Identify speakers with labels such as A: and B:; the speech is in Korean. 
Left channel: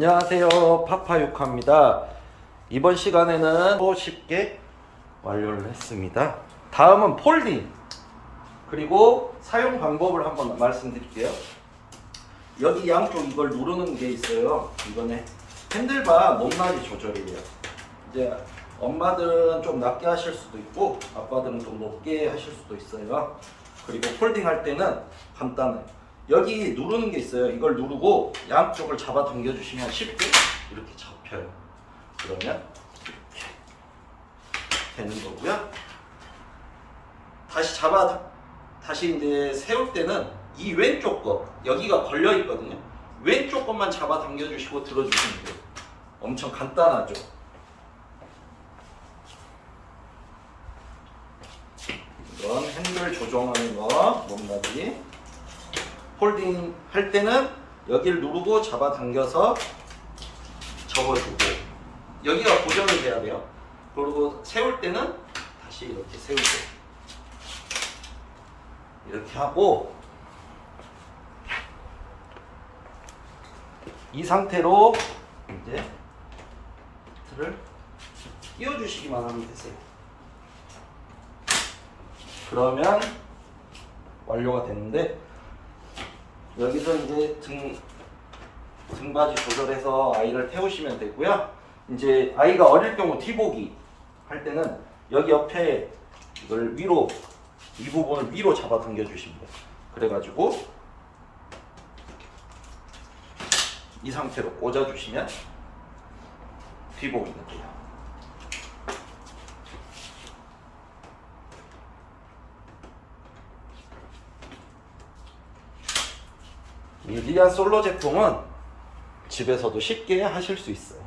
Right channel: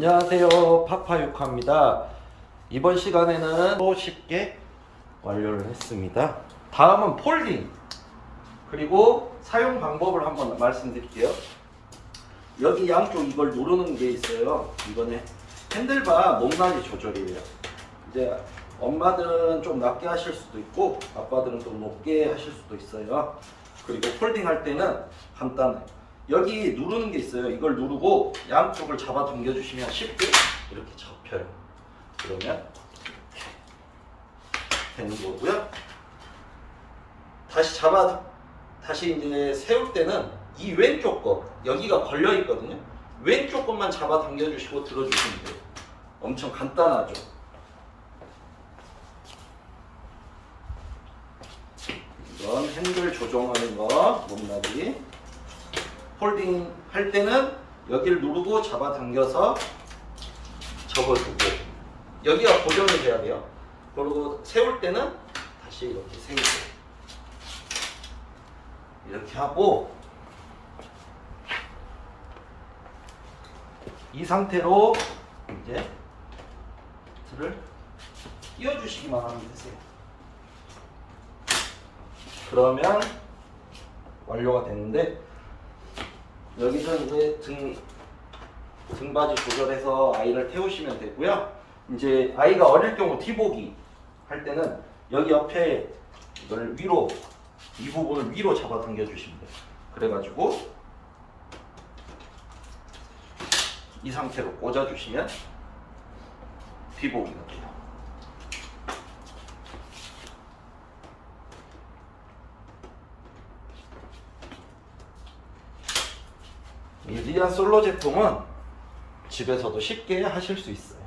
A: 안녕하세요. 파파유카입니다. 이번 시간에는 또 쉽게 완료를 했습니다. 다음은 폴딩. 그리고 사용 방법을 한번 말씀드릴게요. 여기 양쪽 이걸 누르는 게 있어요. 이거는 핸들바 높낮이 조절이에요. 이제 엄마들은 좀 낮게 하실 수도 있고 아빠들은 좀 높게 하실 수도 있어요. 그리고 폴딩 할 때는 간단해 여기 누르는 게 있어요. 이걸 누르고 양쪽을 잡아 당겨 주시면 쉽게 이렇게 잡혀요. 그러면 이렇게 되는 거고요. 다시 잡아 다시 이제 세울 때는 이 왼쪽 거 여기가 걸려 있거든요. 왼쪽 것만 잡아 당겨 주시고 들어 주시면 돼요. 엄청 간단하죠? 이건 핸들 조정하는 거 높낮이 폴딩 할 때는 여기를 누르고 잡아 당겨서 접어주고. 여기가 고정이 돼야 돼요. 그리고 세울 때는 다시 이렇게 세우고 이렇게 하고 이 상태로 이제 틀을 띄워주시기만 하면 되세요. 그러면 완료가 되는데 여기서 이제 등 등받이 조절해서 아이를 태우시면 되고요. 이제 아이가 어릴 경우 뒤보기 할 때는 여기 옆에 이걸 위로 이 부분을 위로 잡아 당겨 주시면 돼요. 그래가지고 이 상태로 꽂아 주시면 뒤보기가 돼요. 이 리안 솔로 제품은 집에서도 쉽게 하실 수 있어요.